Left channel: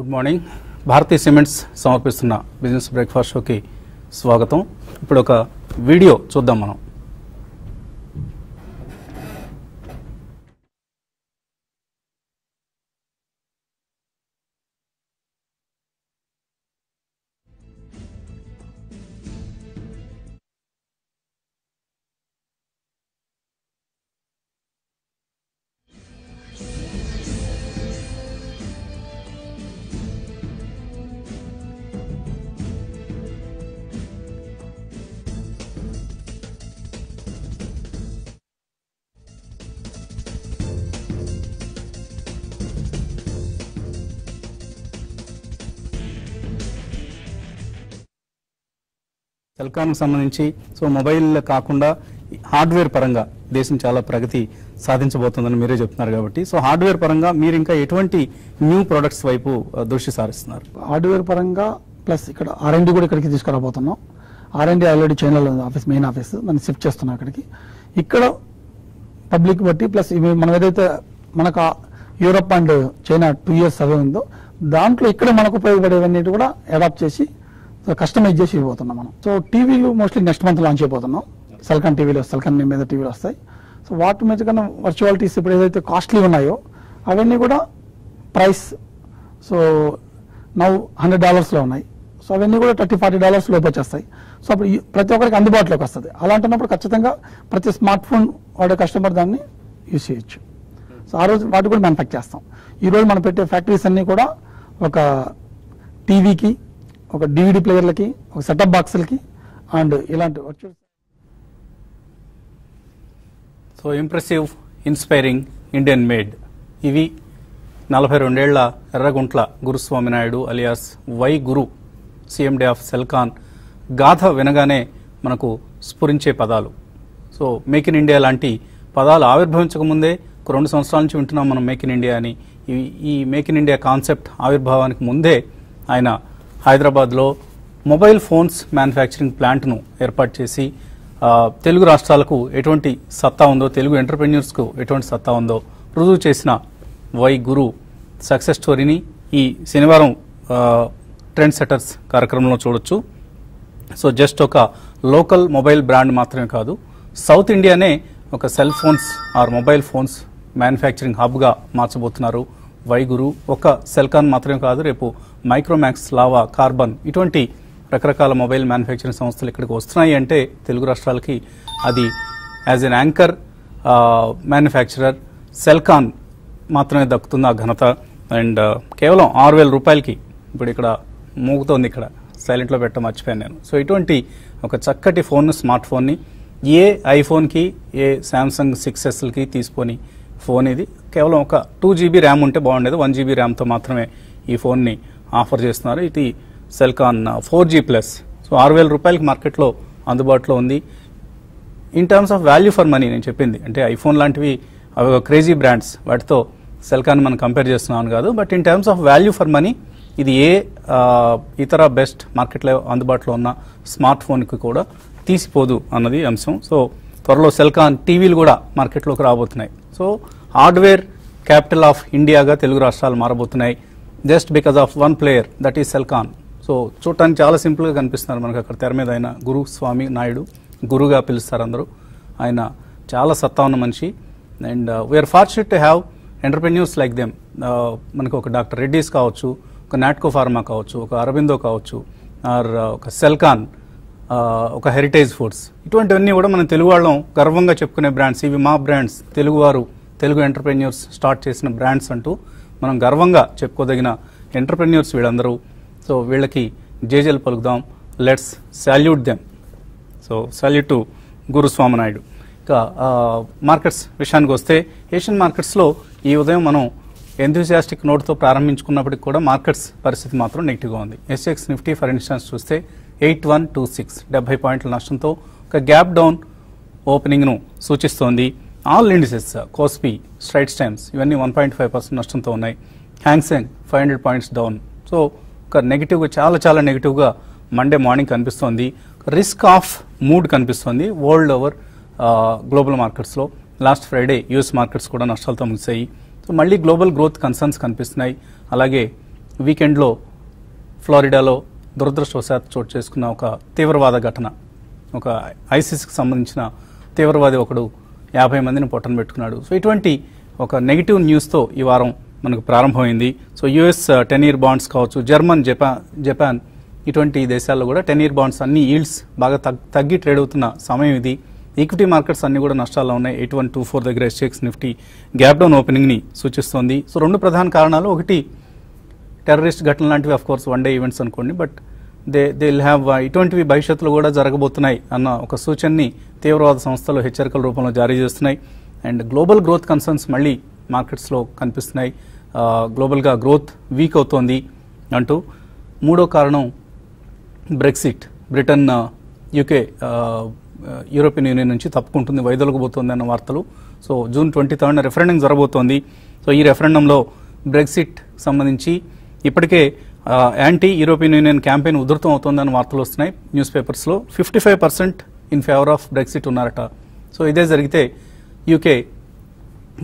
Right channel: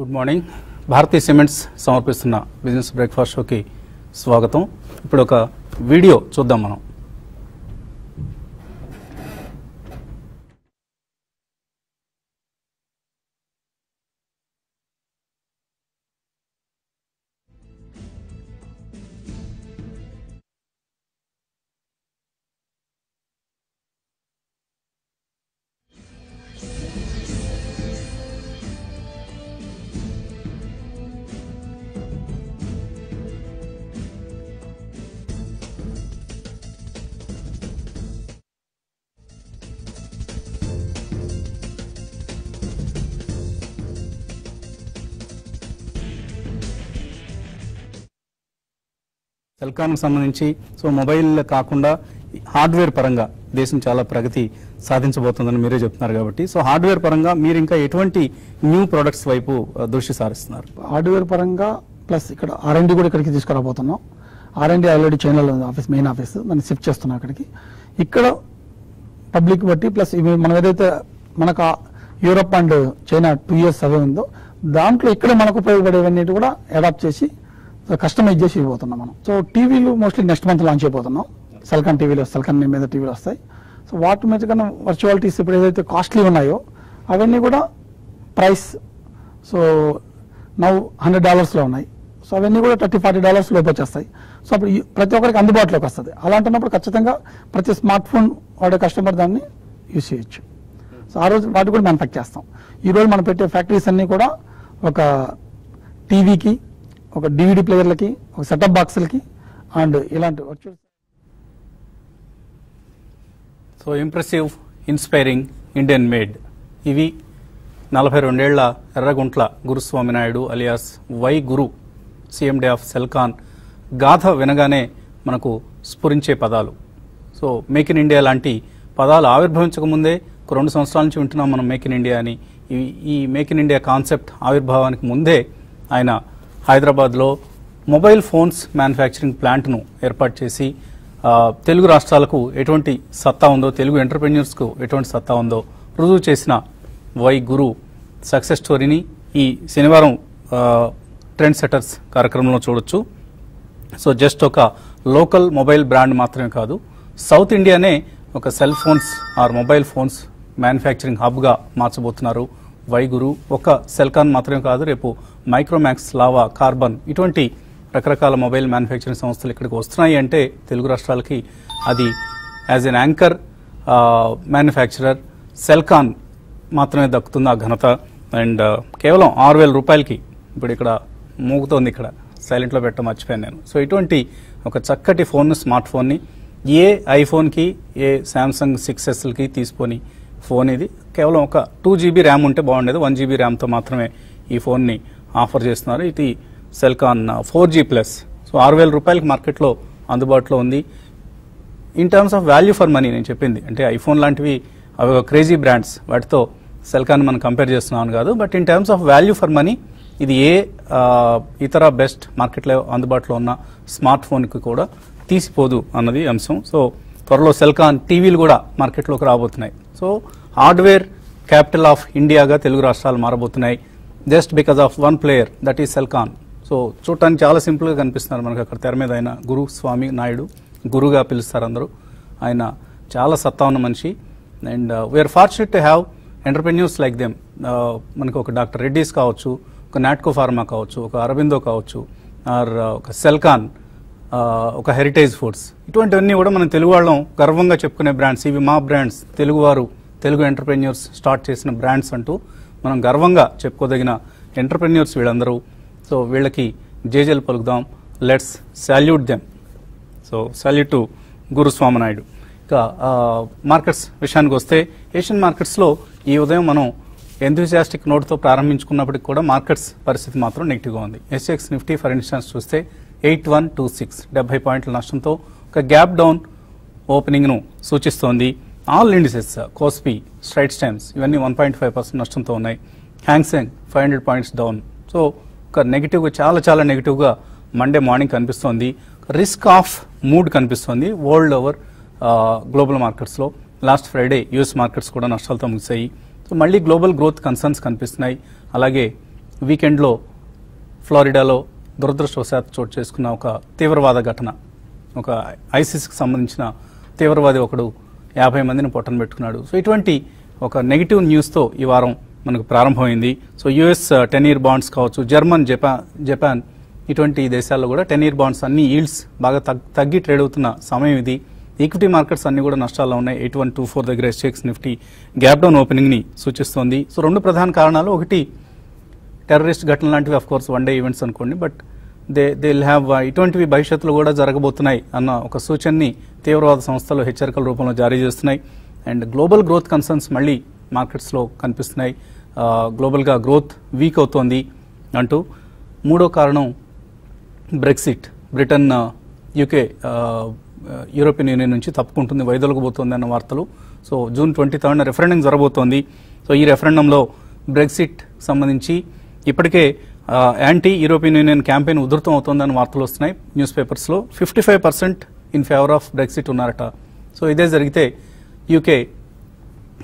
Good morning. Bharatiya cements సమర్పిస్తున్న business breakfast షోకి స్వాగతం. ఇప్పుడు ఒక వీడియో చూద్దాం మనం. సెల్కాన్ సంబంధించి మొబైల్ కాకుండా హార్డ్వేర్ పరంగా దేశం చాలా ప్రగతి సాధించబోతుందని మీరే చెప్తున్నారు కాబట్టి హార్డ్వేర్ పరంగా మీరు ఇంకా ఎటువంటి న్యూ ప్రొడక్ట్స్ వైపు దృష్టి సారిస్తున్నారు? హార్డ్వేర్ పరంగా ప్లస్ ఇక్కడ R&D కూడా ఇక్కడికి తీసుకురాబోతున్నాం. R&D already China office, main office, దాన్ని షిఫ్ట్ చేస్తున్నాం అక్కడికి. ఇక్కడ పబ్లిక్ బట్టి ప్లస్ ఇవి మనం ఏదైతే మనకు Europe and China 2 years survey ఉందో దాంట్లో ఇక్కడ మనకు ఉపయోగపడేవన్నీ కూడా అడాప్ట్ చేసి కస్టమైజ్ చేసి ఇవ్వబోతున్నాం మనం. టీవీలు మోస్ట్లీ నెక్స్ట్ మంత్ లాంచ్ అయిపోతున్నాం. సెల్కాన్ టీవీలు, సెల్కాన్ మీద టీవీలు వస్తాయి. వాటి మీద కన్నా వర్చువాలిటీస్ ఇప్పుడు ఏదైతే కాస్ట్లీ ఉన్నాయో అవన్నీ కూడా ప్రైస్ నౌ $100 ఉన్నాయి. అవన్నీ కూడా $30-40 లోపు వచ్చేస్తాయి. అప్పుడు ప్రతి ఒక్కరికి అందుబాటులోకి వస్తుంది. అలాంటప్పుడు ఖచ్చితంగా ప్రతి స్మార్ట్ ఫోన్ వాడే కస్టమర్ దాన్ని యూజ్ చేయొచ్చు. ఆ రోజు వాటి కూడా మ్యానుఫ్యాక్చర్ చేస్తాం. ఈ రోజు మనం పెట్టే ఫ్యాక్టరీస్ అన్ని కూడా ఒక టీవీకి, ఒక DVD ప్లేయర్లకి, ఒక సెటప్ బాక్సులకి అండ్ ఇలాంటి virtual. Impressive, inspiring, Indian made. ఇవి 42 ఏళ్ల Erraguntla Guruswamy Naidu alias Y Guru, CMD of Celkon గాథ వినగానే మనకు స్ఫురించే పదాలు. మేక్ ఇన్ ఇండియా లాంటి పదాలు ఆవిర్భవించక ముందే 2 సంవత్సరాల నుంచి వింటున్నాం మనం మేక్ ఇన్ ఇండియా అని. ఈ మేక్ ఇన్ ఇండియా కాన్సెప్ట్ ఆవిర్భావానికి ముందే ఆయన హైదరాబాద్లో మొబైల్ ఫోన్స్ మ్యానుఫ్యాక్చరింగ్ ప్లాంట్ను ఏర్పాటు చేసి తెలుగు రాష్ట్రాలకు ఎటువంటి సత్తా ఉందో, తెలుగు ఎంటర్ప్రెన్యూర్స్కు ఎటువంటి సత్తా ఉందో రుజువు చేసిన వై గురు సక్సెస్ స్టోరీని ఈ శనివారం ట్రెండ్ సెటర్స్ కార్యక్రమంలో చూడొచ్చు. జస్ట్ ఒక లోకల్ మొబైల్ బ్రాండ్ మాత్రమే కాదు, సౌత్ ఇండియానే ఒక cell phones or mobile phones manufacturing హబ్గా మార్చబోతున్నారు వై గురు. ఒక సెల్కాన్ మాత్రమే కాదు, రేపు మైక్రోమాక్స్, లావా, కార్బన్ ఇటువంటి రకరకాల మొబైల్ మ్యానుఫ్యాక్చరింగ్ సంస్థలు ఇక్కడికి వస్తున్నాయి అంటే తెలుగు రాష్ట్రాలకి అది యాజ్ ఎన్ యాంకర్ మ్యానుఫ్యాక్చరర్ సెల్కాన్ మాత్రమే దక్కుతుంది ఆ ఘనత. అండ్ కేవలం ₹6,000 ఇప్పుడు ఇక్కడ మోగుతోంది, ఇక్కడ సైలెంట్ లో పెట్టడం మర్చిపోయాను నేను. ఇటువంటి ఒక చక్కటి ఫోన్, స్మార్ట్ ఫోన్ ని ఏ ఐఫోన్ కి, ఏ శాంసంగ్ 6S కి తీసుకొని ఫోన్ ఇది కేవలం ఒక 2 GB ర్యామ్ ఉంటే బాగుండేది. 1 GB ర్యామ్ తో మాత్రమే ఈ ఫోన్ ని ఆఫర్ చేస్తున్నారు. ఇది సెల్కాన్ 4G+. ₹6,000 మార్కెట్ లో అందుబాటులో ఉంది. In terms of value for money నేను చెప్పింది అంటే ఐఫోన్ లాంటివి క్రేజీ బ్రాండ్స్, వాటితో సెల్కాన్ మనం కంపేర్ చేస్తున్నాను కాదు. But in terms of value for money ఇది ఏ ఇతర బెస్ట్ మార్కెట్ లో అందుబాటులో ఉన్న స్మార్ట్ ఫోన్ కి కూడా తీసిపోదు అన్నది అంశం. త్వరలో సెల్కాన్ టీవీలు కూడా మార్కెట్ లోకి రాబోతున్నాయి. హార్డ్వేర్ క్యాపిటల్ ఆఫ్ ఇండియాగా తెలుగు రాష్ట్రాలు మారబోతున్నాయి just because of one player, that is Celkon. చూడటానికి చాలా సింపుల్ గా కనిపిస్తున్నారు మనకు అక్కడ తెర మీద. ఆయన గురుస్వామి నాయుడు, గురుగా పిలుస్తారు అందరూ. ఆయన చాలా సత్తా ఉన్న మనిషి. And we are fortunate to have entrepreneurs like them. మనకు ఒక డాక్టర్ రెడ్డీస్ కావచ్చు, ఒక నాట్కో ఫార్మా కావచ్చు, ఒక అరబిందో కావచ్చు, ఆర్ ఒక సెల్కాన్, ఒక హెరిటేజ్ ఫుడ్స్, ఇటువంటివన్నీ కూడా మన తెలుగు వాళ్ళం గర్వంగా చెప్పుకునే బ్రాండ్స్. ఇవి మా బ్రాండ్స్, తెలుగువారు, తెలుగు ఎంటర్ప్రెన్యూర్స్ స్టార్ట్ చేసిన బ్రాండ్స్ అంటూ మనం గర్వంగా చెప్పుకోదగిన ఎంటర్ప్రెన్యూర్స్ వీళ్ళందరూ. వీళ్ళకి జేజేలు పలుకుదాం. Let's salute them. Salute to Guruswamy Naidu. ఇక మార్కెట్స్ విషయానికి వస్తే, ఏషియన్ మార్కెట్స్ లో ఈ ఉదయం మనం ఎంతూజియాస్టిక్ నోట్ తో ప్రారంభించుకున్నప్పటికీ కూడా మార్కెట్స్ పరిస్థితి మాత్రం నెగిటివ్ గా ఉంది. SGX నిఫ్టీ ఫర్ ఇన్స్టెన్స్ చూస్తే 8126, 70 పాయింట్ల నష్టంతో ఒక గ్యాప్ డౌన్ ఓపెనింగ్ ను సూచిస్తోంది. All indices, KOSPI, Strides times ఇవన్నీ 1.5% నష్టంతో ఉన్నాయి. Hang Seng 500 points down. ఒక నెగిటివ్ గా, చాలా నెగిటివ్ గా మండే మార్నింగ్ కనిపిస్తోంది. రిస్క్ ఆఫ్ మూడ్ కనిపిస్తోంది వరల్డ్ ఓవర్ గ్లోబల్ మార్కెట్స్ లో. లాస్ట్ ఫ్రైడే యుఎస్ మార్కెట్స్ కూడా నష్టాలతో ముగిశాయి. మళ్ళీ గ్లోబల్ గ్రోత్ కన్సర్న్స్ కనిపిస్తున్నాయి. అలాగే వీకెండ్లో ఫ్లోరిడాలో దురదృష్టవశాత్తు చోటు చేసుకున్న ఒక తీవ్రవాద ఘటన, ఒక ఐసిస్కి సంబంధించిన తీవ్రవాది ఒకడు 50 మందిని పొట్టన పెట్టుకున్నాడు. సో ఇటువంటి ఒక నెగిటివ్ న్యూస్తో ఈ వారం మనకు ప్రారంభమైంది. సో యుఎస్ 10-year బాండ్స్ కావచ్చు, జర్మన్, జపాన్ ఇటువంటి దేశాల్లో కూడా 10-year బాండ్స్ అన్ని ఈల్డ్స్ బాగా తగ్గి ట్రేడ్ అవుతున్న సమయం ఇది. ఈక్విటీ మార్కెట్స్ అన్ని కూడా నష్టాల్లో ఉన్నాయి. 8124 దగ్గర ఎస్జెక్స్ నిఫ్టీ గ్యాప్ డౌన్ ఓపెనింగ్ ని సూచిస్తోంది. సో రెండు ప్రధాన కారణాలు, ఒకటి టెర్రరిస్ట్ ఘటన లాంటివి, of course one day events అనుకోండి, బట్ దే విల్ హ్యావ్ ఇటువంటివి భవిష్యత్తులో కూడా జరగబోతున్నాయి అన్న ఒక సూచనని తీవ్రవాద సంస్థలు హెచ్చరికల రూపంలో జారీ చేస్తున్నాయి. అండ్ గ్లోబల్ గ్రోత్ కన్సర్న్స్ మళ్ళీ మార్కెట్స్ లో కనిపిస్తున్నాయి. గ్లోబల్ గా గ్రోత్ వీక్ అవుతోంది అంటూ. మూడో కారణం Brexit, Britain UK European union నుంచి తప్పుకుంటుంది, వైదొలగబోతోంది అన్న వార్తలు. సో జూన్ 23 రెఫరెండం జరగబోతోంది. సో ఈ రెఫరెండంలో బ్రెక్సిట్ సంబంధించి ఇప్పటికే యాంటీ యూరోపియన్ యూనియన్ క్యాంపెయిన్ ఉధృతం అవుతోందని వార్తలు వస్తున్నాయి న్యూస్ పేపర్స్ లో. 55% ఇన్ ఫేవర్ ఆఫ్ బ్రెక్సిట్ ఉన్నారట. సో ఇదే జరిగితే యూకే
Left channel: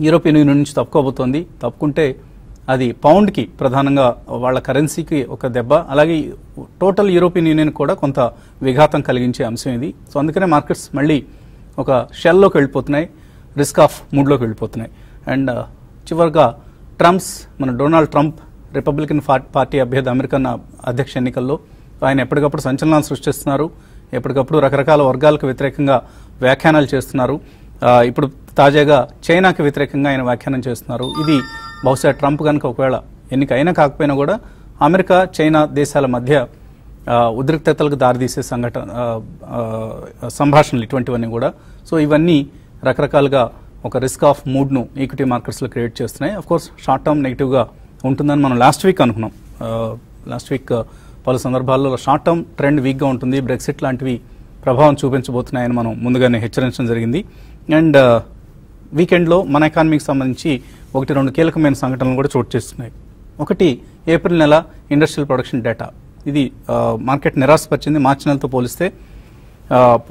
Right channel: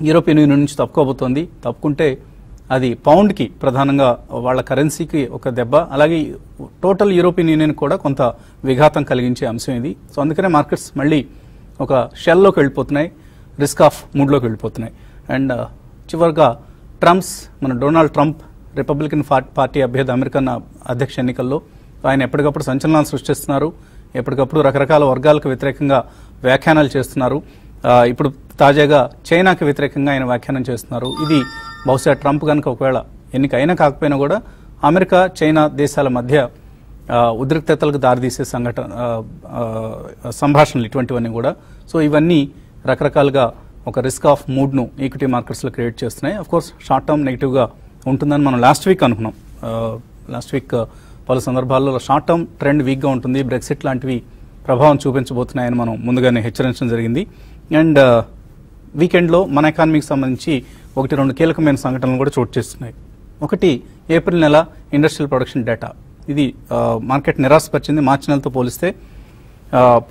యూరోపియన్ యూనియన్ నుంచి తప్పుకోబోతోంది. తప్పుకుంటే అది పౌండ్ కి, ప్రధానంగా వాళ్ళ కరెన్సీకి ఒక దెబ్బ, అలాగే టోటల్ యూరోపియన్ యూనియన్ కూడా కొంత విఘాతం కలిగించే అంశం ఇది. సో అందుకనే మార్కెట్స్ మళ్ళీ ఒక షెల్లోకి వెళ్ళిపోతున్నాయి, రిస్క్ ఆఫ్ మూడ్లోకి వెళ్ళిపోతున్నాయి. అండ్ చివరిగా మన డొనాల్డ్ ట్రంప్ రిపబ్లికన్ పార్టీ అభ్యర్థి అమెరికన్ అధ్యక్ష ఎన్నికల్లో ఆయన ఎప్పటికప్పుడు సంచలనాలు సృష్టిస్తున్నారు. ఎప్పటికప్పుడు రకరకాల వర్గాలకు వ్యతిరేకంగా వ్యాఖ్యానాలు చేస్తున్నారు. ఇప్పుడు తాజాగా చైనాకి వ్యతిరేకంగా ఆయన వ్యాఖ్యానం చేస్తున్నారు. ఇది బహుశా ట్రంప్ కనుక ఒకవేళ ఎన్నిక అయినా కాకపోయినా కూడా అమెరికా చైనా దేశాల మధ్య ఉద్రిక్తతలకు దారితీసే సంభాషణలు ఇటువంటివన్నీ కూడా. సో ఇవన్నీ రకరకాలుగా ఒక రిస్క్ ఆఫ్ మూడ్ ను ఈక్విటీ మార్కెట్స్ లో క్రియేట్ చేస్తున్నాయి. Of course short term negative గా ఉంటుందని మనం లాస్ట్ వీక్ అనుకున్నాం. లాస్ట్ వీక్ పలు సందర్భాల్లో షార్ట్ టర్మ్ ట్రెండ్ వీక్ గా ఉంటుంది, బ్రెక్సిట్ లాంటివి ప్రభావం చూపించబోతున్నాయని మనం ముందుగానే హెచ్చరించడం జరిగింది. అండ్ వీకెండ్ లో మన ఎకానమీకి సంబంధించి 1-2 కీలకమైన సంఘటనలు కూడా చోటు చేస్తున్నాయి. ఒకటి, ఏప్రిల్ నెల ఇండస్ట్రియల్ ప్రొడక్షన్ డేటా. ఇది మార్కెట్ నిరాశపరిచింది. మార్చి నెలతో పోలిస్తే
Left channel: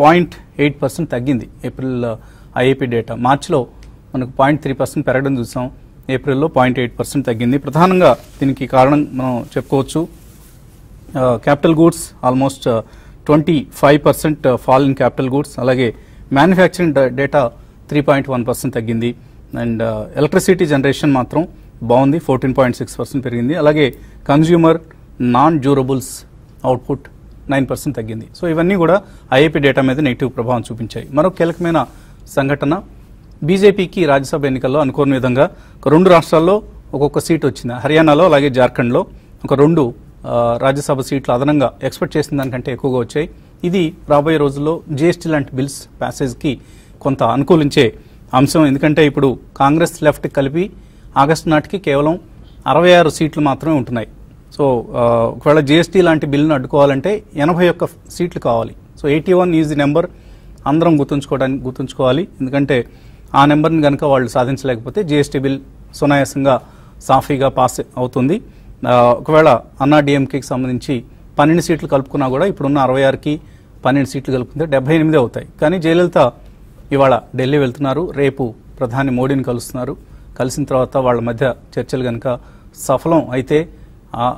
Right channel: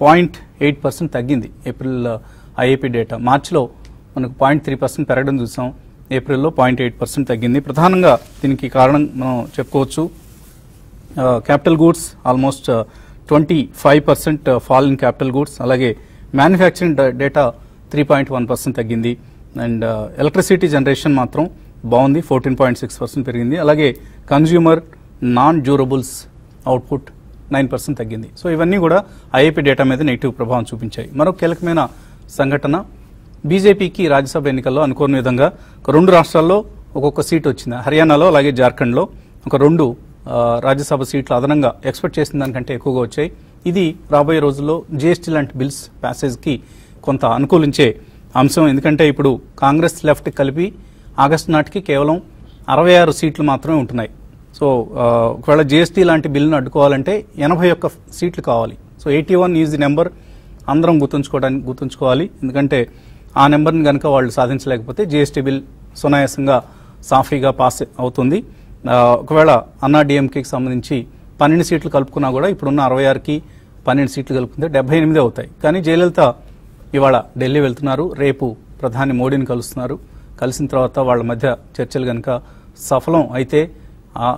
0.8% తగ్గింది ఏప్రిల్ ఐఏపీ డేటా. మార్చిలో మనకు 0.3% పెరగడం చూసాం, ఏప్రిల్లో 0.8% తగ్గింది. ప్రధానంగా దీనికి కారణం మనం చెప్పుకోవచ్చు capital goods, almost 25% fall in capital goods. అలాగే మ్యానుఫ్యాక్చరింగ్ డేటా 3.1% తగ్గింది. అండ్ ఎలక్ట్రిసిటీ జనరేషన్ మాత్రం బాగుంది, 14.6% పెరిగింది. అలాగే కన్స్యూమర్ నాన్ డ్యూరబుల్స్ అవుట్పుట్ 9% తగ్గింది. సో ఇవన్నీ కూడా ఐఏపీ డేటా మీద నెగిటివ్ ప్రభావం చూపించాయి. మరో కీలకమైన సంఘటన, బీజేపీకి రాజ్యసభ ఎన్నికల్లో అనుకోని విధంగా 2 రాష్ట్రాల్లో ఒక్కొక్క సీట్ వచ్చింది. హర్యానాలో అలాగే జార్ఖండ్ లో ఒక 2 రాజ్యసభ సీట్లు అదనంగా ఎక్స్పెక్ట్ చేసిన దానికంటే ఎక్కువగా వచ్చాయి. ఇది రాబోయే రోజుల్లో జీఎస్టీ లాంటి బిల్స్ ప్యాసేజ్ కి కొంత అనుకూలించే అంశం. ఎందుకంటే ఇప్పుడు కాంగ్రెస్ లెఫ్ట్ కలిపి ఆగస్టు నాటికి కేవలం 66 సీట్లు మాత్రమే ఉంటున్నాయి. సో ఒకవేళ జీఎస్టీ లాంటి బిల్లును అడ్డుకోవాలంటే 81 సీట్లు కావాలి. సో 81 ఈజ్ ది నెంబర్ అందరం గుర్తుంచుకోవాలి. ఎందుకంటే ఆ నెంబర్ని కనుక వాళ్ళు సాధించలేకపోతే జీఎస్టీ బిల్ సునాయాసంగా సాఫీగా పాస్ అవుతుంది. ఒకవేళ అన్నా డిఎంకేకి సంబంధించి 12 సీట్లు కలుపుకున్నా కూడా ఇప్పుడున్న 66కి 12 సీట్లు కలుపుకుంటే 78 అవుతాయి. కానీ జయలలిత ఇవాళ ఢిల్లీ వెళ్తున్నారు, రేపు ప్రధాని మోడీని కలుస్తున్నారు. కలిసిన తర్వాత వాళ్ళ మధ్య చర్చలు కనుక సఫలం అయితే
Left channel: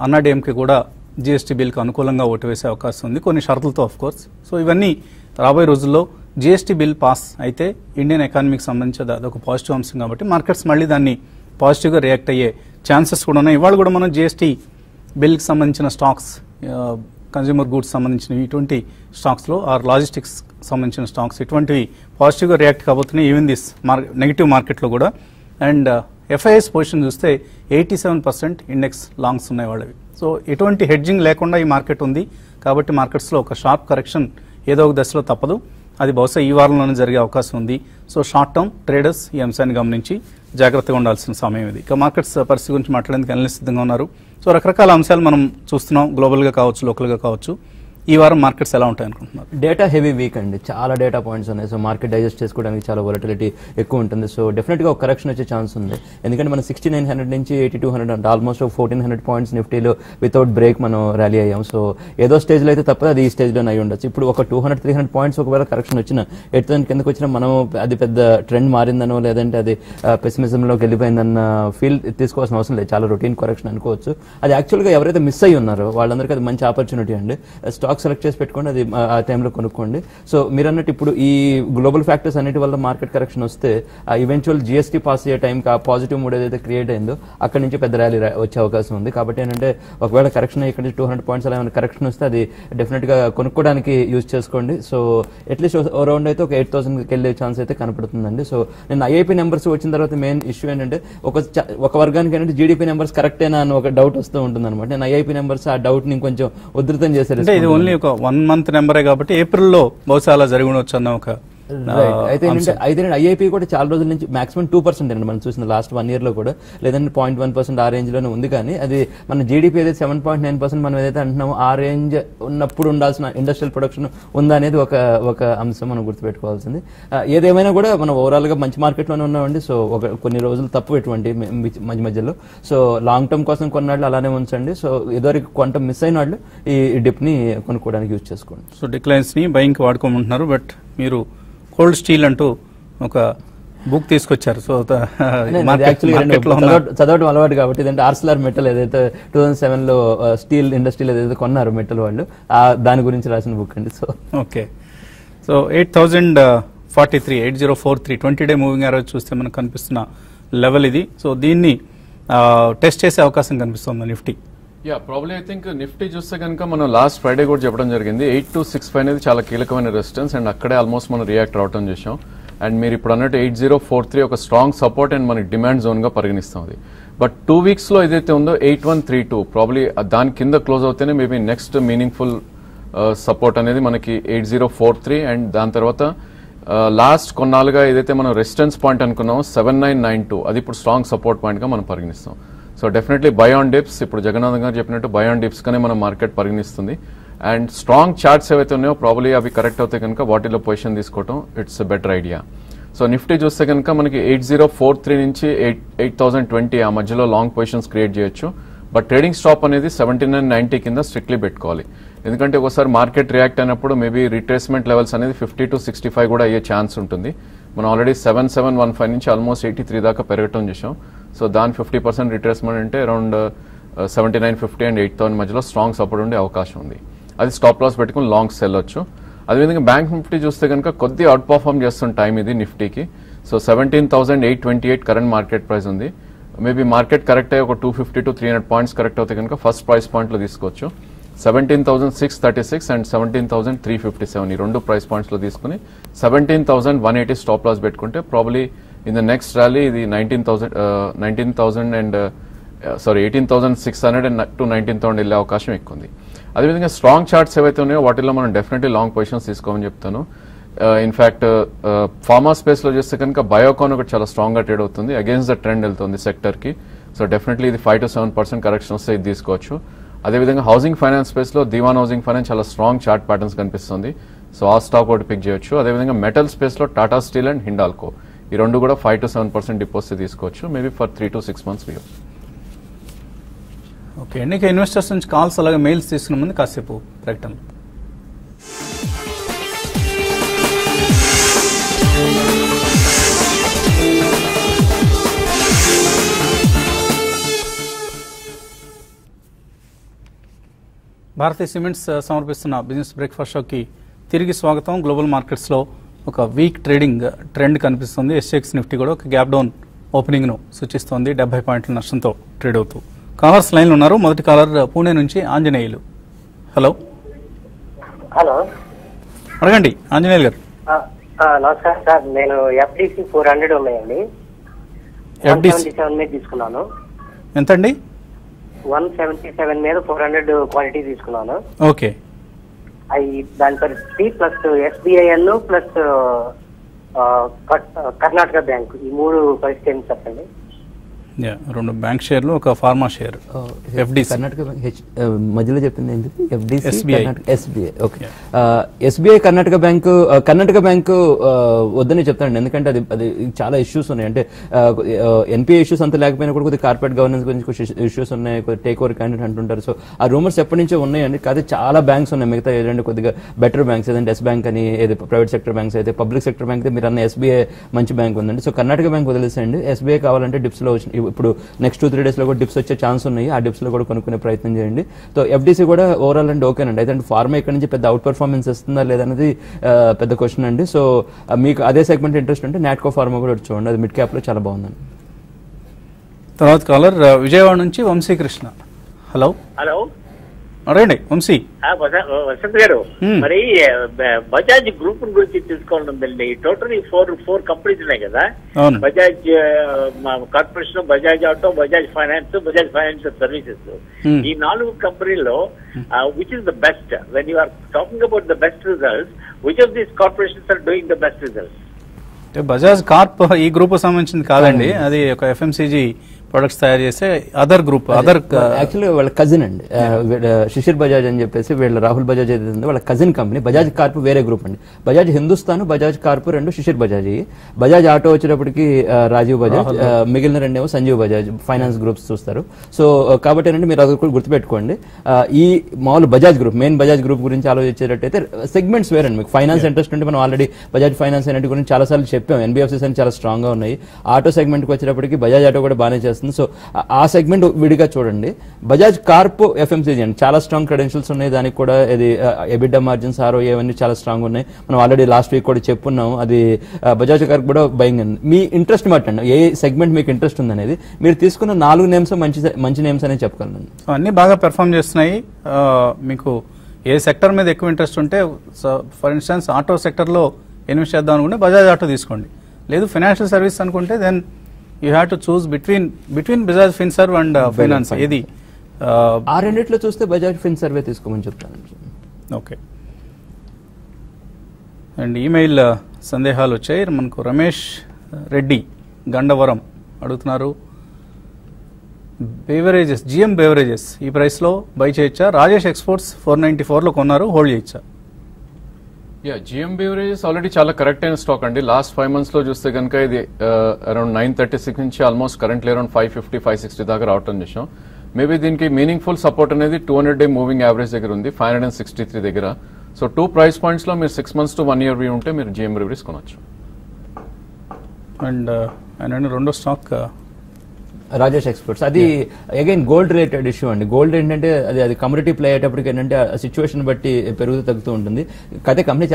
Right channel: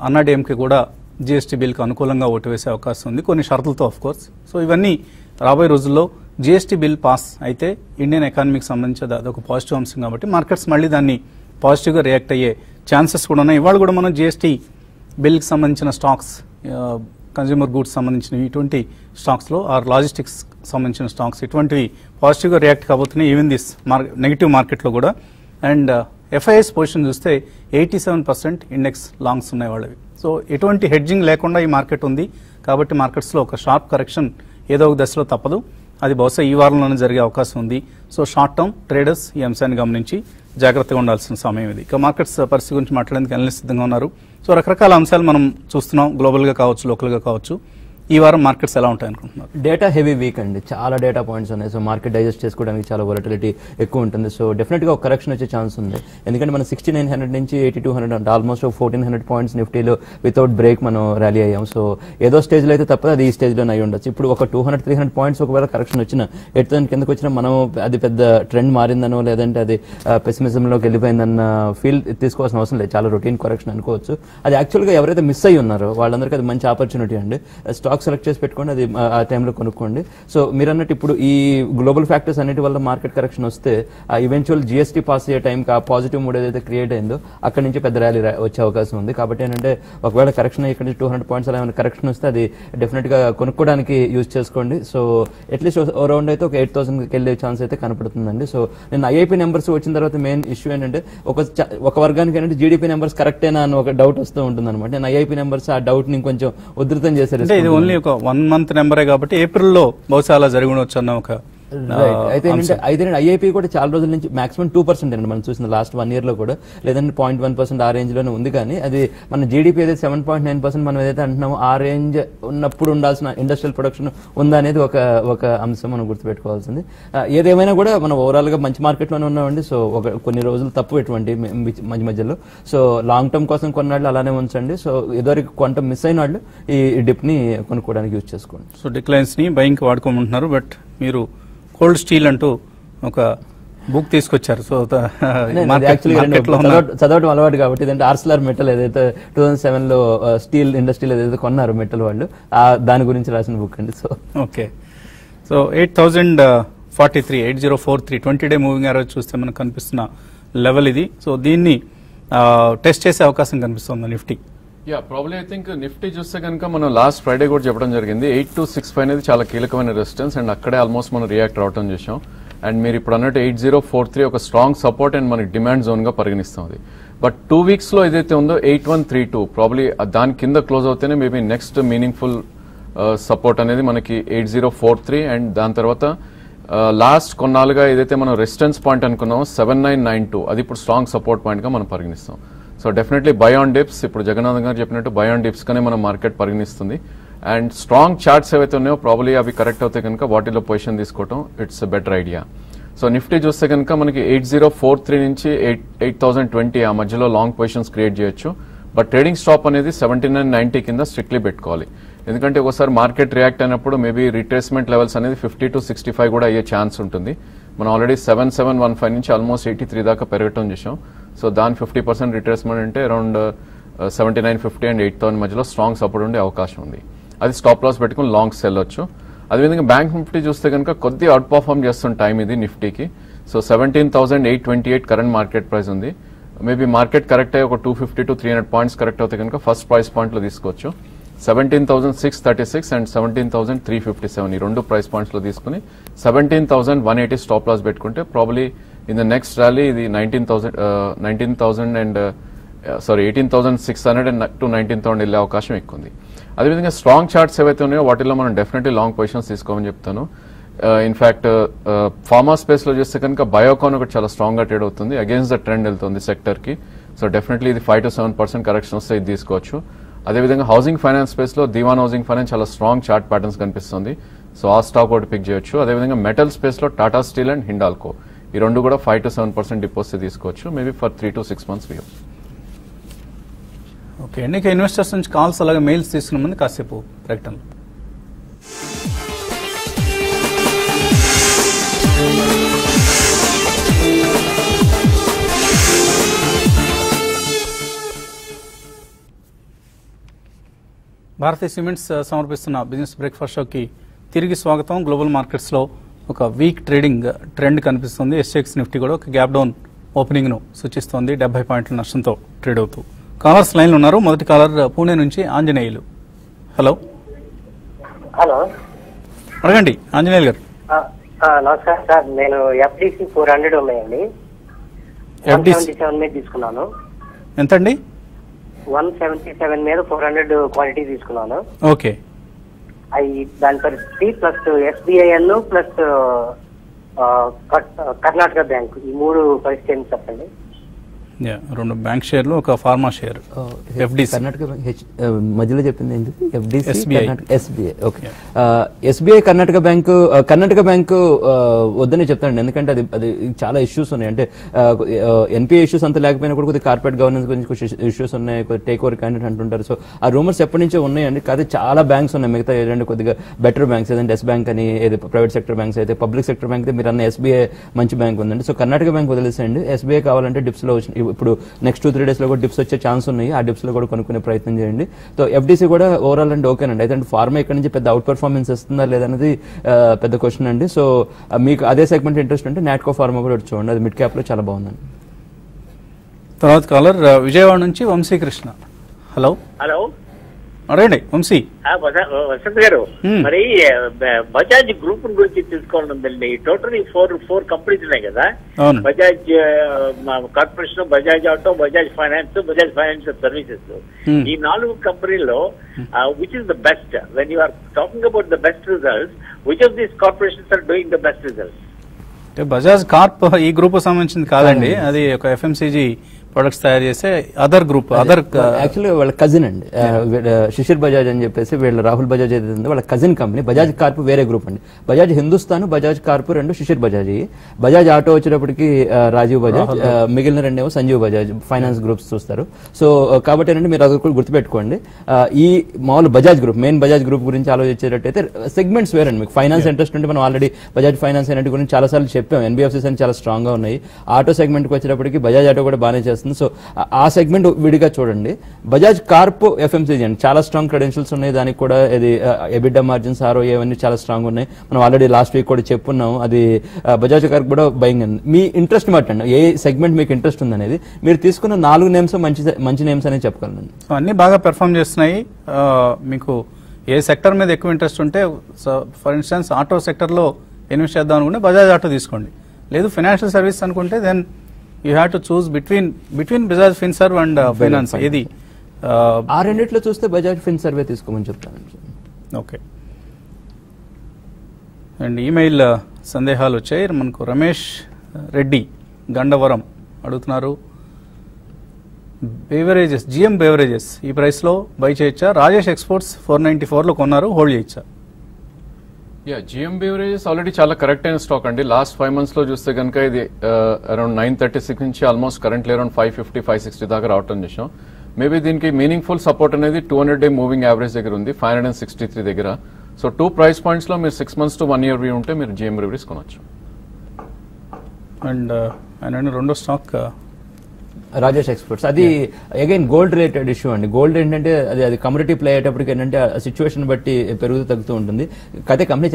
అన్నా డిఎంకే కూడా జీఎస్టీ బిల్కి అనుకూలంగా ఓటు వేసే అవకాశం ఉంది, కొన్ని షరతులతో ఆఫ్ కోర్స్. సో ఇవన్నీ రాబోయే రోజుల్లో జీఎస్టీ బిల్ పాస్ అయితే ఇండియన్ ఎకానమీకి సంబంధించి అదొక పాజిటివ్ అంశం కాబట్టి మార్కెట్స్ మళ్ళీ దాన్ని పాజిటివ్ గా రియాక్ట్ అయ్యే ఛాన్సెస్ కూడా ఉన్నాయి. ఇవాళ కూడా మనం జీఎస్టీ బిల్ కి సంబంధించిన స్టాక్స్, కన్స్యూమర్ గూడ్స్ సంబంధించిన ఇటువంటి స్టాక్స్ లో ఆర్ లాజిస్టిక్స్ సంబంధించిన స్టాక్స్ ఇటువంటివి పాజిటివ్ గా రియాక్ట్ కాబోతున్నాయి ఈవెన్ దిస్ నెగిటివ్ మార్కెట్ లో కూడా. అండ్ ఎఫ్ఐఎస్ పొజిషన్ చూస్తే 87% ఇండెక్స్ లాంగ్స్ ఉన్నాయి వాళ్ళవి. సో ఎటువంటి హెడ్జింగ్ లేకుండా ఈ మార్కెట్ ఉంది కాబట్టి మార్కెట్స్ లో ఒక షార్ప్ కరెక్షన్ ఏదో ఒక దశలో తప్పదు. అది బహుశా ఈ వారంలోనే జరిగే అవకాశం ఉంది. సో షార్ట్ టర్మ్ ట్రేడర్స్ ఈ అంశాన్ని గమనించి జాగ్రత్తగా ఉండాల్సిన సమయం ఇది. ఇక మార్కెట్స్ పరిస్థితి గురించి మాట్లాడేందుకు అనలిస్ట్ సిద్ధంగా ఉన్నారు. సో రకరకాల అంశాలు మనం చూస్తున్నాం, గ్లోబల్ గా కావచ్చు, లోకల్ గా కావచ్చు. ఈ వారం మార్కెట్స్ ఎలా ఉంటాయి అనుకుంటున్నారు? డేటా హెవీ వీక్ అండి, చాలా డేటా పాయింట్స్ ఉన్నాయి. సో మార్కెట్ డైజెస్ట్ చేసుకోవడానికి చాలా వొలటిలిటీ ఎక్కువ ఉంటుంది. సో డెఫినెట్ గా ఒక కరెక్షన్ వచ్చే ఛాన్స్ ఉంది. ఎందుకంటే మనం 6900 నుంచి 8200 అంటే ఆల్మోస్ట్ 1400 పాయింట్స్ నిఫ్టీలో వితౌట్ బ్రేక్ మనం ర్యాలీ అయ్యాం. సో ఏదో స్టేజ్ లో అయితే తప్ప అది ఈ స్టేజ్ లో అయి ఉండొచ్చు. ఇప్పుడు ఒక 200-300 పాయింట్స్ ఒకవేళ కరెక్షన్ వచ్చినా 8000 కిందకి వచ్చినా మనం అది పెద్ద ట్రెండ్ మారిందనో లేదంటే అది పెసిమిజం లోకి వెళ్ళిపోయిందన్న ఫీల్ తీసుకోవాల్సిన అవసరం లేదు. చాలా రొటీన్ కరెక్షన్ అనుకోవచ్చు. అది యాక్చువల్ గా ఎవరైతే మిస్ అయ్యి ఉన్నారో వాళ్ళందరికీ అది మంచి ఆపర్చునిటీ అండి. స్టాక్ సెలెక్ట్ చేసి పెట్టుకోండి, అది ఆ టైంలో కొనుక్కోండి. సో మీరు అన్నట్టు ఇప్పుడు ఈ గ్లోబల్ ఫ్యాక్టర్స్ అన్నిటి వల్ల మార్కెట్ కరెక్షన్ వస్తే ఆ ఈవెన్చువల్ జిఎస్టీ పాస్ అయ్యే టైం ఆ పాజిటివ్ మూడ్ ఏదైతే క్రియేట్ అయిందో అక్కడి నుంచి పెద్ద ర్యాలీ వచ్చే అవకాశం ఉంది. కాబట్టి ఏంటంటే ఒకవేళ కరెక్షన్ ఇక్కడ నుంచి 200 పాయింట్స్ అలా కరెక్షన్ వస్తే అది డెఫినెట్ గా కొనుక్కోవడానికి యూజ్ చేసుకోండి. సో అట్లీస్ట్ రౌండ్ అయితే ఒక 8000 వెళ్ళే ఛాన్స్ అయితే కనపడుతుందండి. సో నేను ఐఐపీ నెంబర్స్ వచ్చిన తర్వాత మెయిన్ ఇష్యూ ఏంటంటే ఒక వర్గానికి ఏంటంటే జీడీపీ నెంబర్స్ కరెక్టేనా అని ఒక డౌట్ వస్తూ ఉంటుంది అనమాట. నేను ఐఐపీ నెంబర్స్ ఆ డౌట్ ని కొంచెం ఉధృతం చేశారు. ఇది ఓన్లీ ఒక 1 మంత్ నెంబరే కాబట్టి ఏప్రిల్లో బహుశా అలా జరిగి ఉండొచ్చు అన్న ఒక అయితే ఐఐపీ కూడా చాలా రోజుల నుంచి మాక్సిమం 2% అండి మనం చూసిన లాస్ట్ 1 year లో కూడా, లేదంటే 0.1% ఆ రేంజ్ లోనే ఉంది. కానీ అది మన జీడీపీ అయితే 7.9% మనం ఏదైతే అంటున్నామో ఆ రేంజ్ ఉన్నప్పుడు ఉండాల్సిన ఇండస్ట్రియల్ ప్రొడక్షన్ ఉందా అనేది ఒక అంశం మనం గుర్తుపెట్టుకోవాల్సింది. ఏదేమైనా కూడా మనం ఓవరాల్ గా మంచి మార్కెట్ లోనే ఉన్నామండి. సో కొన్ని రోజులు తప్పు ఇటువంటి మధ్య మధ్యలో. సో లాంగ్ టర్మ్ కోసం కొన్నాళ్ళు అలానే ఉంచండి. సో ఇదివరకు కొంత మిస్ అయిన వాళ్ళు ఈ డిప్ ని కొనుక్కోవడానికి యూజ్ చేసుకోండి. సో డిక్లైన్స్ ని బయింగ్ వాడుకోమంటున్నారు. బట్ మీరు కోల్డ్ స్టీల్ అంటూ ఒక బుక్ తీసుకొచ్చారు. సో చదవడం అలవాటు కాబట్టి ఇదంటే ఆర్సిలర్ మెటల్ ఏదైతే 2007 లో స్టీల్ ఇండస్ట్రీలో ఏదైతే కొన్నారు మెటల్ వాళ్ళు, దాని గురించి రాసిన బుక్ అండి. So okay. So 8043 8043 20-day moving average చూస్తే మనకు కనిపిస్తున్న లెవెల్ ఇది. సో దీన్ని టెస్ట్ చేసే అవకాశం కనిపిస్తుంది Nifty. Probably I think Nifty చూస్తే కనుక మనం లాస్ట్ ఫ్రైడే కూడా చెప్పడం జరిగింది 8265 అనేది చాలా కీలకమైన రెసిస్టెన్స్ అండ్ అక్కడే ఆల్మోస్ట్ మనం రియాక్ట్ రావడం చేసాం. అండ్ మీరు ఇప్పుడు అన్నట్టు 8043 ఒక స్ట్రాంగ్ సపోర్ట్ అండ్ మనకి డిమాండ్ జోన్ గా పరిగణిస్తుంది. బట్ 2 weeks లో ఏదైతే ఉందో 8132 ప్రాబ్లీ దాని కింద క్లోజ్ అవుతేనే మేబీ నెక్స్ట్ మీనింగ్ఫుల్ సపోర్ట్ అనేది మనకి 8043 అండ్ దాని తర్వాత లాస్ట్ కొన్నాళ్ళుగా ఏదైతే మనం రెసిస్టెన్స్ పాయింట్ అనుకున్నామో 7992 అది ఇప్పుడు స్ట్రాంగ్ సపోర్ట్ పాయింట్ గా మనం పరిగణిస్తాం. So definitely by on dips, ఇప్పుడు జగన్నాథ్ గారు చెప్పినట్టు బై ఆన్ డిప్స్ గానే మన మార్కెట్ పరిగణిస్తుంది. అండ్ స్ట్రాంగ్ చార్ట్స్ ఏవైతే ఉన్నాయో ప్రాబ్లీ అవి కరెక్ట్ అవుతాయి కనుక వాటిలో పొజిషన్ తీసుకోవడం it's better idea. So Nifty చూస్తే కనుక మనకి 8043 నుంచి 8020 ఆ మధ్యలో లాంగ్ పొజిషన్స్ క్రియేట్ చేయొచ్చు. బట్ ట్రేడింగ్ స్టాప్ అనేది 7990 కింద స్ట్రిక్ట్లీ పెట్టుకోవాలి. ఎందుకంటే ఒకసారి మార్కెట్ రియాక్ట్ అయినప్పుడు మేబీ రిట్రేస్మెంట్ లెవెల్స్ అనేది 50 to 65 కూడా అయ్యే ఛాన్స్ ఉంటుంది. మనం ఆల్రెడీ 7715 నుంచి ఆల్మోస్ట్ 83 దాకా పెరగటం చేసాం. సో దాని 50% రిట్రేస్మెంట్ అంటే అరౌండ్ 7950 అండ్ 8000 మధ్యలో స్ట్రాంగ్ సపోర్ట్ ఉండే అవకాశం ఉంది. అది స్టాప్ లాస్ పెట్టుకుని లాంగ్స్ వెళ్ళొచ్చు. అదేవిధంగా బ్యాంక్ నిఫ్టీ చూస్తే కనుక కొద్దిగా అవుట్ పర్ఫార్మ్ చేస్తున్న టైం ఇది నిఫ్టీకి. సో 17,828 కరెంట్ మార్కెట్ ప్రైస్ ఉంది. మేబీ మార్కెట్ కరెక్ట్ అయ్యి ఒక 250 to 300 పాయింట్స్ కరెక్ట్ అవుతాయి కనుక ఫస్ట్ ప్రైస్ పాయింట్ లో తీసుకోవచ్చు. 17,636 అండ్ 17,357 ఈ రెండు ప్రైస్ పాయింట్స్ లో తీసుకుని 17,180 స్టాప్ లాస్ పెట్టుకుంటే probably in the next rally ఇది 18,600 అండ్ టు 19,000 వెళ్ళే అవకాశం ఎక్కువ ఉంది. అదేవిధంగా స్ట్రాంగ్ చార్ట్స్ ఏవైతే ఉన్నాయో వాటిలో మనం డెఫినెట్లీ లాంగ్ పొజిషన్స్ తీసుకోమని చెప్తాను. ఇన్ఫాక్ట్ ఫార్మా స్పేస్ లో చేస్తే కనుక బయోకాన్ ఒకటి చాలా స్ట్రాంగ్ గా ట్రేడ్ అవుతుంది, అగేన్స్ట్ ద ట్రెండ్ వెళ్తుంది సెక్టర్ కి. సో డెఫినెట్లీ ఇది 5 to 7% కరెక్షన్ వస్తే ఇది తీసుకోవచ్చు. అదేవిధంగా హౌసింగ్ ఫైనాన్స్ స్పేస్ లో దివాన్ హౌసింగ్ ఫైనాన్స్ చాలా స్ట్రాంగ్ చార్ట్ ప్యాటర్న్స్ కనిపిస్తుంది. సో ఆ స్టాక్ ఒకటి పిక్ చేయొచ్చు. అదేవిధంగా మెటల్ స్పేస్ లో టాటా స్టీల్ అండ్ హిండాల్కో ఈ రెండు కూడా 5 to 7% డిపాజిట్ తీసుకోవచ్చు, maybe for 3 to 6 months. Okay అండి. ఇన్వెస్టర్స్ నుంచి కాల్స్ అలాగే మెయిల్స్ తీసుకున్న ముందు కాసేపు ప్రకటన. భారతీయ సిమెంట్స్ సమర్పిస్తున్న బిజినెస్ బ్రేక్ఫాస్ట్ షోకి తిరిగి స్వాగతం. గ్లోబల్ మార్కెట్స్ లో ఒక వీక్ ట్రేడింగ్ ట్రెండ్ కనిపిస్తుంది. ఎస్ఎక్స్ నిఫ్టీ కూడా ఒక గ్యాప్ డౌన్ ఓపెనింగ్ ను సూచిస్తోంది. 70 పాయింట్ల నష్టంతో ట్రేడ్ అవుతూ. కాలర్స్ లైన్ ఉన్నారు. మొదటి కాలర్ పూణే నుంచి ఆంజనేయులు. హలో అడగండి ఆంజనేయులు గారు. నమస్కారం సార్, నేను ఎఫ్డిసి 400 ఉన్నాయండి. తీసుకున్నాను. ఎంతండి? 177 మీద 400 క్వాలిటీ తీసుకున్నాను. ఓకే. అవి దాని పరిస్థితి ప్లస్ ఎస్బీఐఎల్ ప్లస్ కర్ణాటక బ్యాంక్ ఈ మూడు పరిస్థితి ఏంటి చెప్పండి. రెండు బ్యాంక్ షేర్లు, ఒక pharma share, FDC. Karnataka bank మధ్యలో చెప్పింది ఏంటి? FDC, SBI. SBI. Okay. SBI Karnataka bank వద్దని చెప్తాను, ఎందుకంటే అది చాలా ఇష్యూస్ ఉన్నాయి. అంటే ఎన్పిఏ ఇష్యూస్ అంతా లేకపోయినా కూడా కొద్దిగా కార్పొరేట్ గవర్నెన్స్ గురించి ఇష్యూస్ ఉన్నాయి, టేక్ ఓవర్ క్యాండిడేట్ అంటుంటారు. సో ఆ రూమర్స్ ఎప్పటి నుంచో ఉన్నాయండి. కానీ చాలా బ్యాంక్స్ ఉన్నాయి, మిగతా ఏదంటే కొద్దిగా బెటర్ బ్యాంక్స్, ఏదంటే ఎస్ బ్యాంక్ అని, ఏది ప్రైవేట్ సెక్టర్ బ్యాంక్స్ అయితే, పబ్లిక్ సెక్టర్ బ్యాంక్ మీరు అన్న SBI మంచి బ్యాంక్ ఉందండి. సో కర్ణాటక బ్యాంక్ వదిలేసేయండి. SBI కావాలంటే డిప్స్ లో ఇప్పుడు నెక్స్ట్ 2-3 days లో కూడా డిప్స్ వచ్చే ఛాన్స్ ఉన్నాయి. ఆ డిప్స్ లో కూడా కొనుక్కునే ప్రయత్నం చేయండి. సో FDC కూడా ఓవరాల్ అండ్ ఓకేనండి. అయితే ఫార్మా ఇక్కడ నుంచి పెద్ద అవుట్ పర్ఫార్మెన్స్ ఇస్తుందా లేదనేది పెద్ద క్వశ్చన్ అండి. సో మీకు అదే సెగ్మెంట్ ఇంట్రెస్ట్ ఉంటే నాట్కో ఫార్మా కూడా చూడండి, అది మిడ్ క్యాప్ లో చాలా బాగుందండి. తర్వాత కాలర్ విజయవాడ నుంచి వంశీకృష్ణ. హలో రండి వంశీ. వసంత్ గారు, మరి బజాజ్ గ్రూప్ గురించి తీసుకోండి ఉందండి. టోటలీ ఫోర్ కంపెనీస్ ఉన్నాయి కదా, Bajaj Corporation, Bajaj Auto, Bajaj Finance, Bajaj Financial Services. ఈ 4 కంపెనీల్లో which is the best? When you are talking about the best results, which of these corporations are doing the best results? Bajaj Corp ఈ group సంబంధించింది కాదండి, అది ఒక FMCG products తయారు చేసే అదర్ గ్రూప్. యాక్చువల్లీ వాళ్ళ కజిన్ అండి, శిశిర్ బజాజ్ అని చెప్పేసి వీళ్ళ రాహుల్ బజాజ్ ఏదైతే వాళ్ళ కజిన్ కంపెనీ. బజాజ్ కార్ప్ వేరే గ్రూప్ అండి. బజాజ్ హిందుస్థాన్, బజాజ్ కార్ప్ రెండు శిశిర్ బజాజ్. బజాజ్ ఆటో వచ్చేటప్పటికి రాజీవ్ బజాజ్, మిగిలిన రెండేమో సంజీవ్ బజాజ్ ఫైనాన్స్ గ్రూప్స్ చూస్తారు. సో కాబట్టి ఏంటంటే మీరు అది కూడా గుర్తుపెట్టుకోండి. ఈ మామూలు Bajaj group, main Bajaj group గురించి ఆలోచించేటట్టయితే సెగ్మెంట్స్ వేరండి. మీకు ఫైనాన్స్ ఇంట్రెస్ట్ ఉంటే మనం ఆల్రెడీ బజాజ్ ఫైనాన్స్ అనేది గురించి చాలా సార్లు చెప్పాం. NBFCs అని చాలా స్ట్రాంగ్ గా ఉన్నాయి. ఆటో సెగ్మెంట్ కి వచ్చేటప్పటికి బజాజ్ ఆటో కూడా బాగానే చేస్తుంది. సో ఆ సెగ్మెంట్ విడిగా చూడండి. బజాజ్ కార్ప్ FMCG అండి, చాలా స్ట్రాంగ్ క్రెడెన్షియల్స్ ఉన్నాయి. దానికి కూడా ఇది ఎబిటా మార్జిన్స్, ROE అవన్నీ చాలా స్ట్రాంగ్ ఉన్నాయి. మనం ఆల్రెడీ లాస్ట్ వీక్ కూడా చెప్పున్నాం. అది బజాజ్ కార్ప్ కూడా బయింగ్ అండి. మీ ఇంట్రెస్ట్ మాట్లాడండి, ఏ సెగ్మెంట్ మీకు ఇంట్రెస్ట్ ఉంది అనేది. మీరు తీసుకున్న 4 నేమ్స్ మంచి నేమ్స్ అని చెప్పగలను. అన్ని బాగా పెర్ఫార్మ్ చేస్తున్నాయి. మీకు ఏ సెక్టర్ మీద ఎక్కువ ఇంట్రెస్ట్ ఉంటే, ఫర్ ఇన్స్టెన్స్ ఆటో సెక్టర్ లో ఇన్వెస్ట్ చేద్దాం అనుకుంటే బజాజ్ ఆటో తీసుకోండి. లేదు ఫైనాన్షియల్ సర్వీస్ అనుకుంటే then you have to choose between Bajaj Finserv and Finance. ఏది ఆ రెండిట్లో చూస్తే బజాజ్ ఫిన్సర్వే తీసుకోమని చెప్తాను. ఓకే. అండ్ ఈమెయిల్ సందేహాలు వచ్చాయి మనకు. రమేష్ రెడ్డి గండవరం అడుగుతున్నారు, బేవరేజెస్, GM బేవరేజెస్ ఈ ప్రైస్ లో బై చేయొచ్చా? రాజేష్ ఎక్స్పోర్ట్స్ 494 లో కొన్నారు, హోల్డ్ చేయొచ్చా? GM బేవరేజెస్ ఆల్రెడీ చాలా కరెక్ట్ అయిన స్టాక్ అండి. లాస్ట్ 5 months లో చూస్తే కనుక ఇది అరౌండ్ 936 నుంచి ఆల్మోస్ట్ కరెంట్లీ అరౌండ్ 550, 560 దాకా రావటం చేసాం. మేబీ దీనికి మీనింగ్ఫుల్ సపోర్ట్ అనేది 200-day మూవింగ్ యావరేజ్ దగ్గర ఉంది, 563 దగ్గర. సో 2 price points లో మీరు 6 months to 1 year వ్యూ ఉంటే మీరు GM బేవరేజెస్ కొనవచ్చు. అండ్ రెండో స్టాక్ రాజేష్ ఎక్స్పోర్ట్స్, అది అగైన్ గోల్డ్ రిలేటెడ్ ఇష్యూ అండి. గోల్డ్ ఏంటంటే అది కమ్యూనిటీ ప్లే అయ్యేటప్పటికి ఏంటంటే సిచ్యువేషన్ బట్టి పెరుగుతూ తగ్గుతూ ఉంటుంది. అయితే కంపెనీ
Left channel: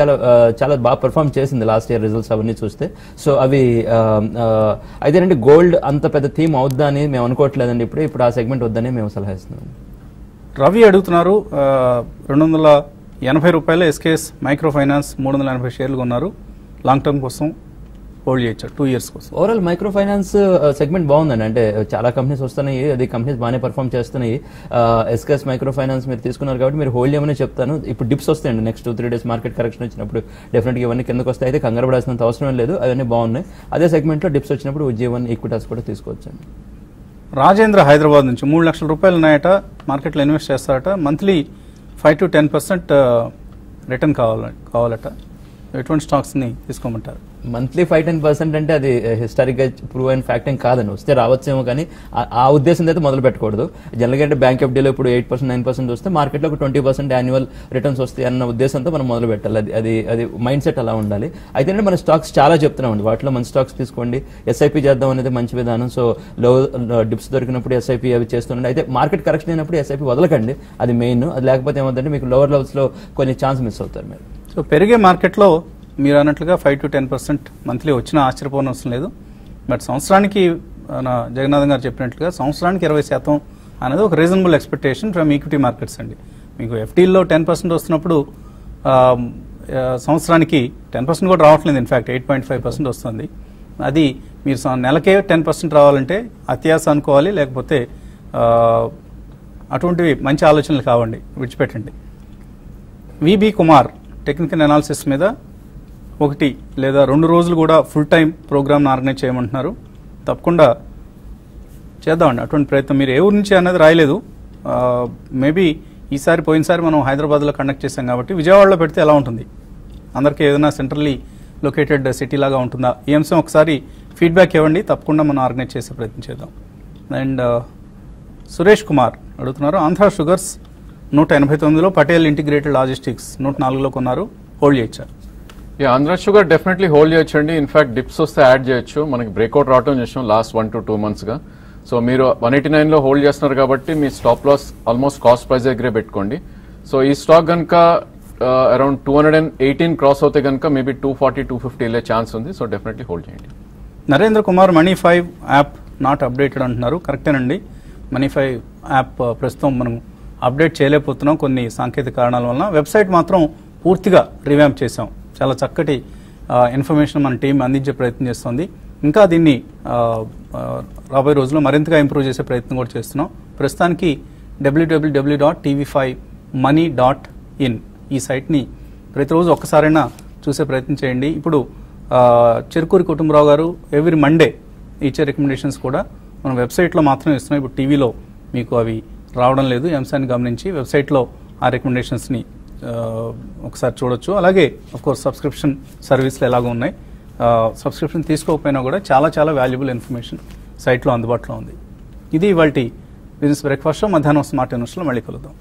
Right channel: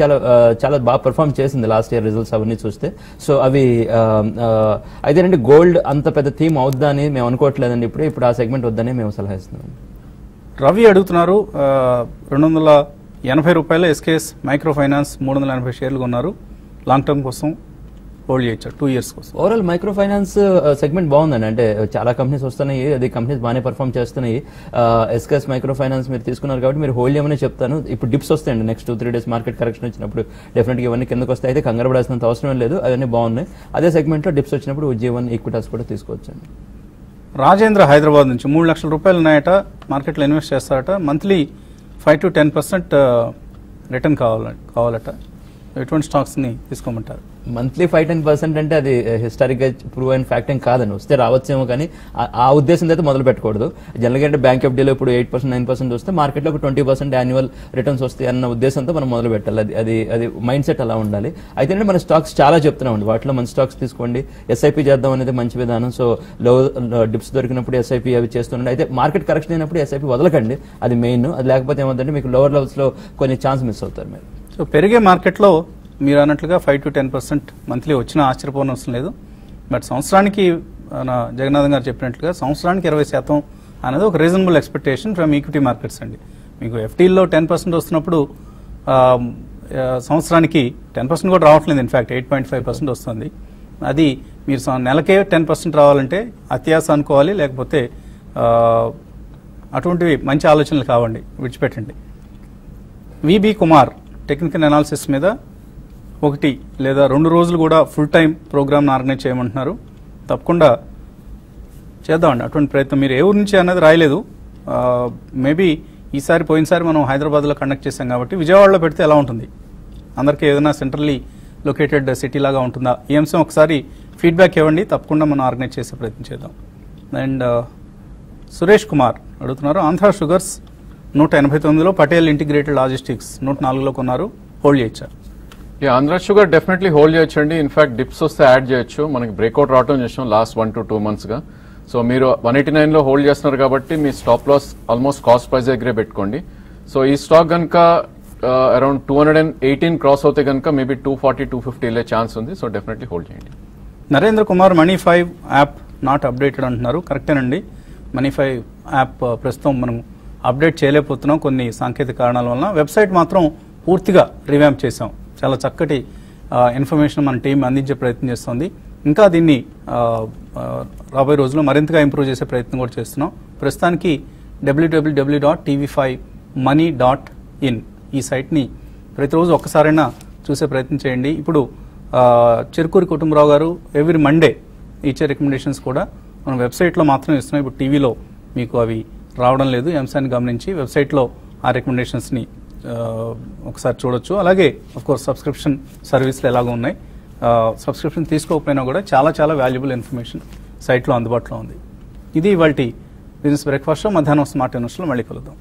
చాలా బాగా పెర్ఫార్మ్ చేసింది లాస్ట్ ఇయర్ రిజల్ట్స్ అవన్నీ చూస్తే. సో అవి అయితే గోల్డ్ అంత పెద్ద థీమ్ అవుద్దా అని మేము అనుకోవట్లేదండి. ఇప్పుడు ఆ సెగ్మెంట్ వద్దని మేము సలహా ఇస్తున్నాం. రవి అడుగుతున్నారు, 280 రూపాయలు SKS మైక్రో ఫైనాన్స్ 380 షేర్లు కొన్నారు, లాంగ్ టర్మ్ కోసం హోల్డ్ చేయొచ్చు 2 years కోసం. ఓవరాల్ మైక్రో ఫైనాన్స్ సెగ్మెంట్ బాగుందండి. అంటే చాలా కంపెనీస్ వస్తున్నాయి, అది కంపెనీస్ బాగానే పర్ఫార్మ్ చేస్తున్నాయి. SKS మైక్రో ఫైనాన్స్ మీరు తీసుకున్నారు కాబట్టి మీరు హోల్డ్ చేయమని చెప్తాను. ఇప్పుడు డిప్స్ వస్తాయండి నెక్స్ట్ 2-3 days మార్కెట్ కరెక్షన్ వచ్చినప్పుడు డెఫినెట్ గా ఇవన్నీ కిందకు వస్తాయి. అయితే కంగారు పడాల్సినంత అవసరం లేదు, అవన్నీ బాగున్నాయి. అదే సెగ్మెంట్ లో డిప్స్ వచ్చినప్పుడు ఉజ్జీవన్, ఈక్విటాస్ కూడా తీసుకోవచ్చండి. రాజేంద్ర హైదరాబాద్ నుంచి 3 లక్షల రూపాయలు ఉన్నాయట, మార్కెట్ లో ఇన్వెస్ట్ చేస్తారట, మంత్లీ 5 to 10% రిటర్న్ కావాలట. ఎటువంటి స్టాక్స్ ని తీసుకోమంటారు? మంత్లీ 5-10% అంటే అది హిస్టారిక్ గా ప్రూవ్ అయిన ఫ్యాక్ట్ ఏం కాదని, వస్తే రావచ్చేమో కానీ ఆ ఉద్దేశం అయితే మొదలు పెట్టకూడదు. జనరల్ గా బ్యాంక్ ఎఫ్డీలో ఇప్పుడు 8%, 9% వస్తే మార్కెట్ లో 20% యాన్యువల్ రిటర్న్స్ వస్తాయి అన్న ఉద్దేశంతో మనం మొదలు పెట్టాలి. అది మైండ్ సెట్ అలా ఉండాలి. అయితే మన స్టాక్స్ చాలా చెప్తున్నాం, వాటిలో మన స్టాక్స్ తీసుకోండి. SIP చేద్దాం అనేది మంచి విధానం. సో లో డిప్స్ దొరికినప్పుడు SIP అవి చేస్తుండే. అయితే మార్కెట్ కరెక్షన్ అయినప్పుడు SIP వదలకండి, అది మెయిన్. లేకపోతే ఏమంటే మీకు లోవర్ లెవెల్స్ లో కొన్ని ఛాన్స్ మిస్ అవుతారు మీరు. సో పెరిగే మార్కెట్ లో మీరు అన్నట్లుగా 5 to 10% మంత్లీ వచ్చినా ఆశ్చర్యపోనవసరం లేదు. బట్ సంవత్సరానికి జగన్నాథ్ గారు చెప్పినట్లుగా సంవత్సరానికి 20% అనేది ఒక reasonable expectation from equity markets అండి. మీకు FDలో 10% వస్తున్నప్పుడు సంవత్సరానికి 10% కూడా రావట్లేదు, ఇన్ఫాక్ట్ 8.5% వస్తుంది. అది మీరు నెలకే 10% రావాలంటే అత్యాస అనుకోవాలి, లేకపోతే అటువంటివి మంచి ఆలోచనలు కావండి, విడిచిపెట్టండి. VB కుమార్ టెక్నికల్ అనాలిసిస్ మీద 1 లేదా 2 రోజులు కూడా ఫుల్ టైం ప్రోగ్రామ్ ఆర్గనైజ్ చేయమంటున్నారు. తప్పకుండా చేద్దామండి అటువంటి ప్రయత్నం. మీరు ఏ ఊరు నుంచి అనేది రాయలేదు, మేబీ పోయినసారి మనం హైదరాబాద్ లో కండక్ట్ చేశాం కాబట్టి విజయవాడలో పెడితే ఎలా ఉంటుంది, అందరికి ఏదైనా సెంట్రల్లీ లొకేటెడ్ సిటీ లాగా ఉంటుందా, ఈ అంశం ఒకసారి ఫీడ్బ్యాక్ ఇవ్వండి, తప్పకుండా మనం ఆర్గనైజ్ చేసే ప్రయత్నం చేద్దాం. అండ్ సురేష్ కుమార్ అడుగుతున్నారు, ఆంధ్ర షుగర్స్ 189లో, పటేల్ ఇంటిగ్రేటెడ్ లాజిస్టిక్స్ 104లో కొన్నారు, హోల్డ్ చేయొచ్చా? ఆంధ్ర షుగర్ డెఫినెట్లీ హోల్డ్ చేయొచ్చండి. ఇన్ఫాక్ట్ డిప్స్ వస్తే యాడ్ చేయొచ్చు. మనకి బ్రేక్అవుట్ రావడం చేసాం లాస్ట్ 1 to 2 months గా. సో మీరు 189లో హోల్డ్ చేస్తున్నారు కాబట్టి మీ stop loss almost cost price దగ్గరే పెట్టుకోండి. సో ఈ స్టాక్ కనుక అరౌండ్ 218 క్రాస్ అవుతే కనుక మేబీ 240, 250 వెళ్ళే ఛాన్స్ ఉంది. సో డెఫినెట్లీ హోల్డ్ చేయండి. Narendra Kumar, Money5 app not updated అంటున్నారు. కరెక్టేనండి, Money5 యాప్ ప్రస్తుతం మనం అప్డేట్ చేయలేకపోతున్నాం కొన్ని సాంకేతిక కారణాల వల్ల. వెబ్సైట్ మాత్రం పూర్తిగా రివ్యాంప్ చేసాం. చాలా చక్కటి ఇన్ఫర్మేషన్ మన టీం అందించే ప్రయత్నం చేస్తుంది. ఇంకా దీన్ని రాబోయే రోజుల్లో మరింతగా ఇంప్రూవ్ చేసే ప్రయత్నం కూడా చేస్తున్నాం. ప్రస్తుతానికి www.tv5money.in ఈ సైట్ ని ప్రతిరోజు ఒక్కసారైనా చూసే ప్రయత్నం చేయండి. ఇప్పుడు చెరుకూరి కుటుంబరావు గారు ఎవ్రీ మండే ఇచ్చే రికమెండేషన్స్ కూడా మనం వెబ్సైట్ లో మాత్రమే ఇస్తున్నాం. ఇప్పుడు టీవీలో మీకు అవి రావడం లేదు. ఈ అంశాన్ని గమనించి వెబ్సైట్ లో ఆ రికమెండేషన్స్ ని ఒకసారి చూడొచ్చు. అలాగే కోర్స్ సబ్స్క్రిప్షన్ సర్వీస్లు ఎలాగో ఉన్నాయి. సబ్స్క్రిప్షన్ తీసుకోకపోయినా కూడా చాలా చాలా వాల్యుబుల్ ఇన్ఫర్మేషన్ సైట్ లో అందుబాటులో ఉంది. ఇది ఇవాల్టి బిజినెస్ బ్రేక్ఫాస్ట్. మధ్యాహ్నం స్మార్ట్ న్యూస్ లో మళ్ళీ కలుద్దాం.